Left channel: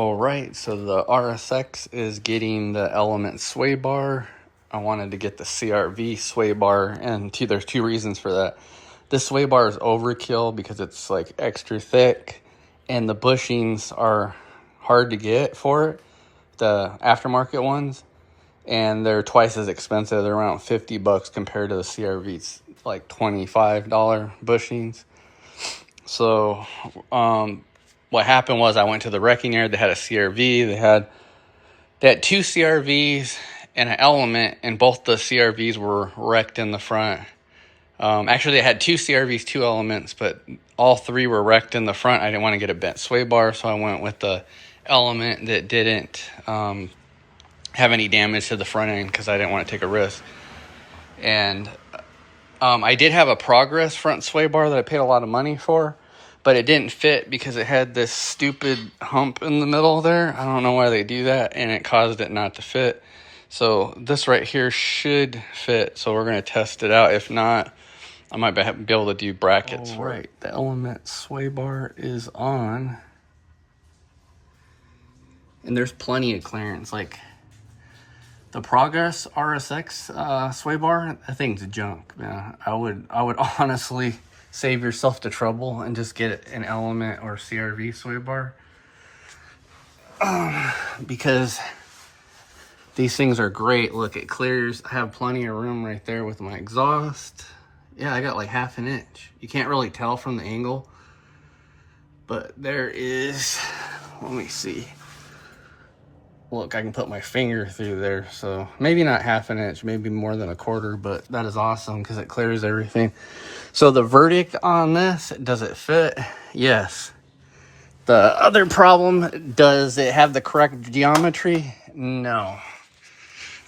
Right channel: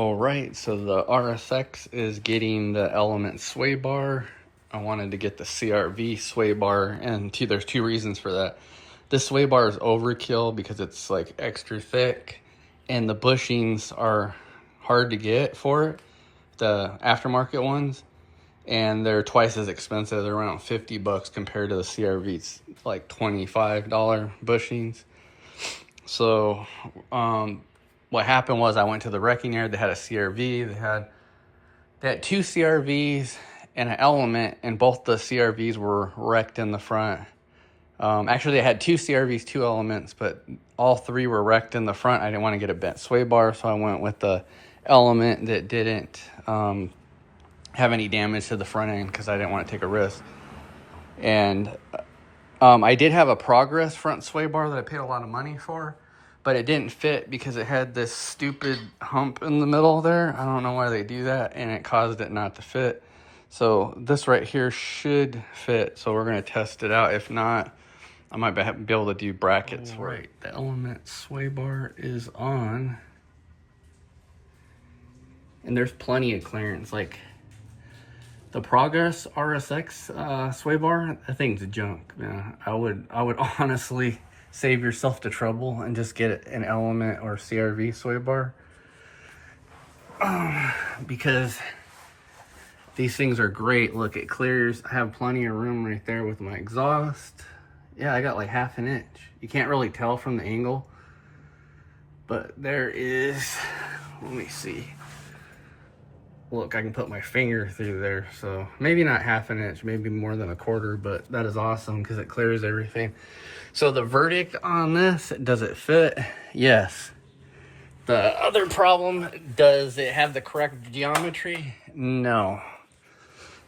All right, so the RSX is getting the Element sway bar. I wanted to get the CRV sway bar, and there's two reasons for that. This sway bar is overkill because it's like extra thick, and the bushings are hard to get for it, the aftermarket ones, and they're twice as expensive. They're around $50 compared to the CRV's like $25 bushings. So, what happened was I went to the wrecking yard. They had a CRV. They had two CRVs and an Element, and both the CRVs were wrecked in the front. Actually, they had two CRVs, two Elements, but all three were wrecked in the front. I didn't want to get a bent sway bar, so I went with the Element that didn't have any damage to the front end because I didn't want to take a risk. And I did have a Progress front sway bar that I paid a lot of money for, but it didn't fit because it had this stupid hump in the middle there. I don't know why they do that, and it caused it not to fit. So this right here should fit, so we're going to test it out. If not, I might be able to do brackets for it. The Element sway bar is on, and there's plenty of clearance. Like the Progress RSX sway bar, that thing's junk, man. I would honestly save yourself the trouble and just get an Element or CRV sway bar, because these things are great. Look, it clears. I have plenty of room right there with my exhaust. Yeah, I got like ½ an inch. You can't really tell from the angle, but there is, let me see. Look, I can put my finger through there, so maybe not ½ an inch, maybe more than a quarter, but that is awesome because it clears everything. So the verdict on this, does it fit? Yes. The other problem, does it have the correct geometry? No.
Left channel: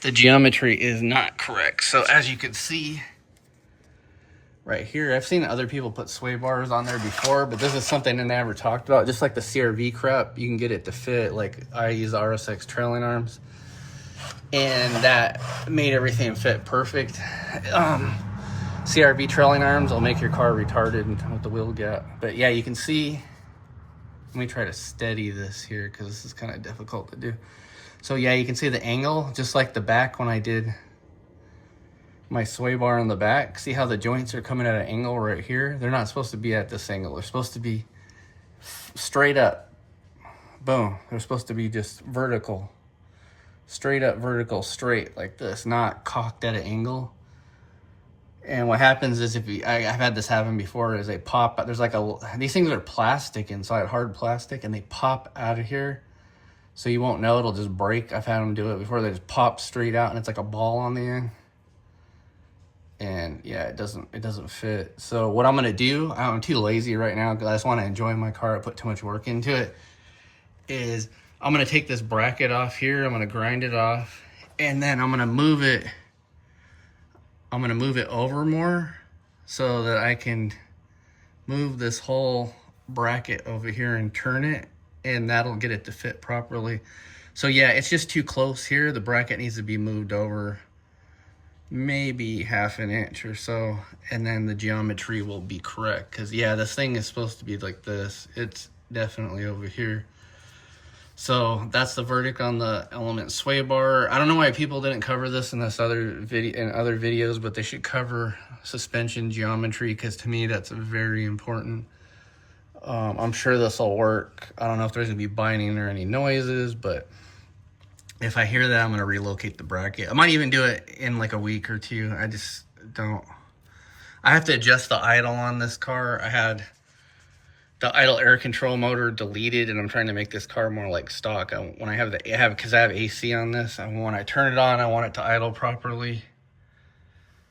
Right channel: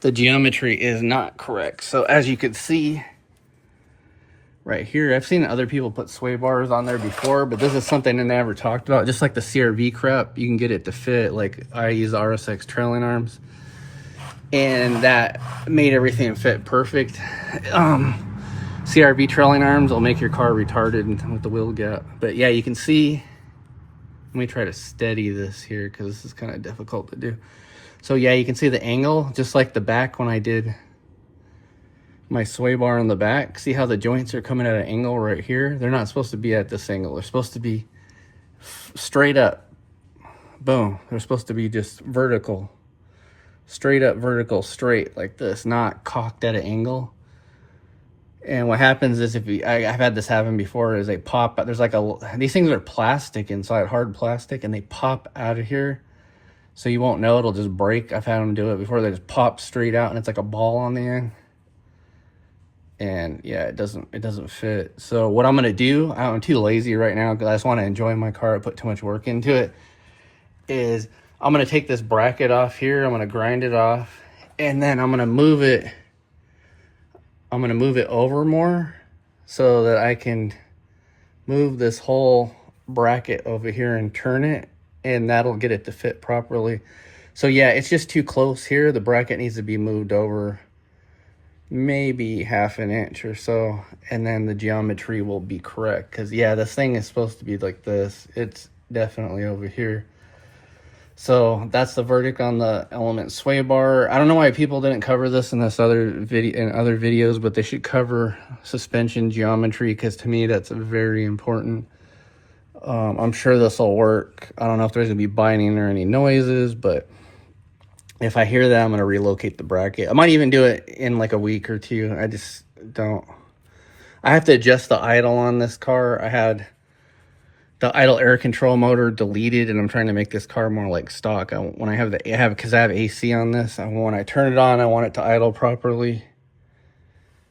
The geometry is not correct. So as you can see right here, I've seen other people put sway bars on there before, but this is something that they never talked about. Just like the CRV crap, you can get it to fit. Like I use RSX A.W.D. and I'm, and that made everything fit perfect. CRV trailing arms will make your car retarded with the wheel gap. But yeah, you can see, let me try to steady this here because this is kind of difficult to do. So yeah, you can see the angle, just like the back when I did my sway bar on the back. See how the joints are coming at an angle right here? They're not supposed to be at this angle. They're supposed to be straight up. Boom. They're supposed to be just vertical. Straight up, vertical, straight like this, not cocked at an angle. And what happens is, I've had this happen before, is they pop, there's like these things are plastic inside, hard plastic, and they pop out of here. So you won't know, it'll just break. I've had them do it before. They just pop straight out and it's like a ball on the end. And yeah, it doesn't fit. So what I'm gonna do, I'm too lazy right now because I just want to enjoy my car. I put too much work into it. Is I'm gonna take this bracket off here, I'm gonna grind it off, and then I'm gonna move it over more so that I can move this whole bracket over here and turn it, and that'll get it to fit properly. So yeah, it's just too close here. The bracket needs to be moved over maybe ½ an inch or so, and then the geometry will be correct. Because yeah, this thing is supposed to be like this. It's definitely over here. So that's the verdict on the Element sway bar. I don't know why people didn't cover this in other videos, but they should cover suspension geometry, because to me that's very important. I'm sure this will work. I don't know if there's gonna be binding or any noises, but if I hear that, I'm gonna relocate the bracket. I might even do it in like a week or two. I just don't. I have to adjust the idle on this car. I had the idle air control motor deleted, and I'm trying to make this car more like stock. Because I have AC on this, when I turn it on, I want it to idle properly.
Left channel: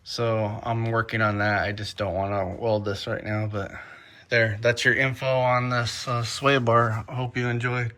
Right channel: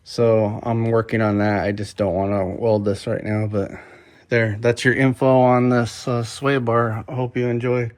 So I'm working on that. I just don't want to weld this right now, but that's your info on this sway bar. I hope you enjoy.